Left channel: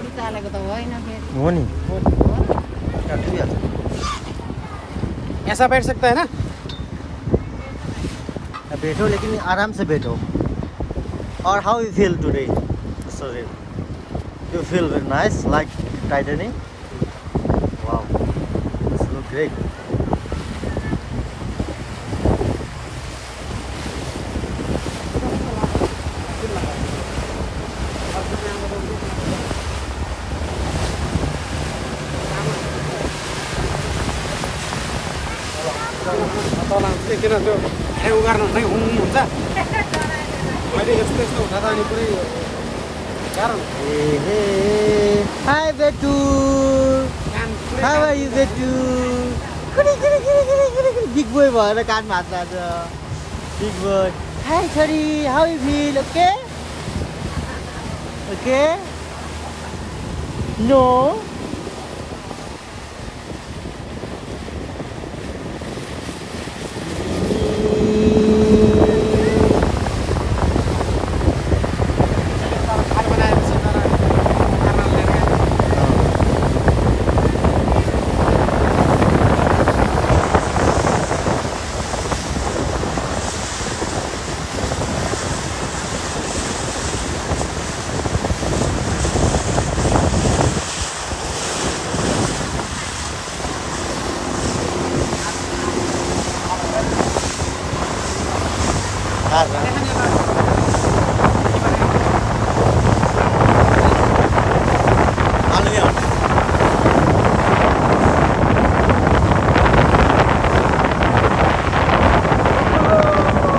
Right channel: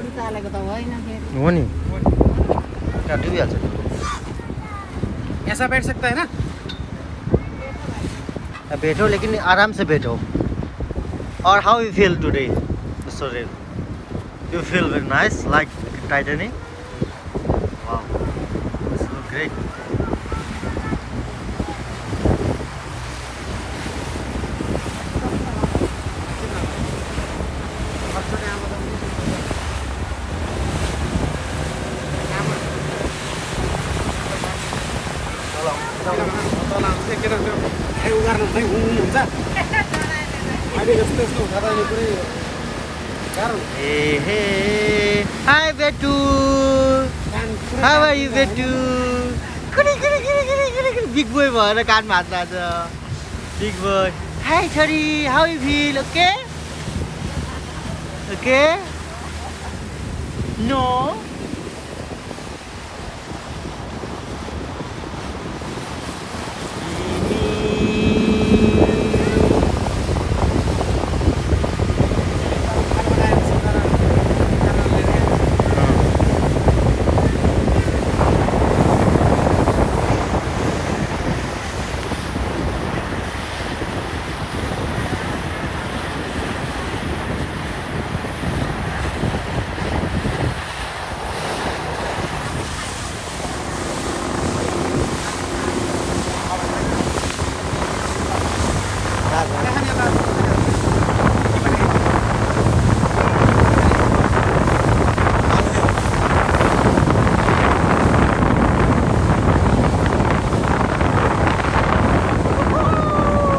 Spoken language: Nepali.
पौडी चालेको त होइन फेरि हो नि डुबिहाल्छ ऐसा बैठ सकता है ना बैठो लेकिन आराम से बैठो और how you feel today sorry you feel very nice like Titanic wow this look great उगार्नु हुँदै हुन्छ अहिले यस्तो यस्तो हुँदा त अहिले पुरै गाह्रो हाई बेटु हाउ आर यु बेटु बिग बोय भएर कानमा हात राख्छ बिग बोय हाई छोरी how you feel okay okay no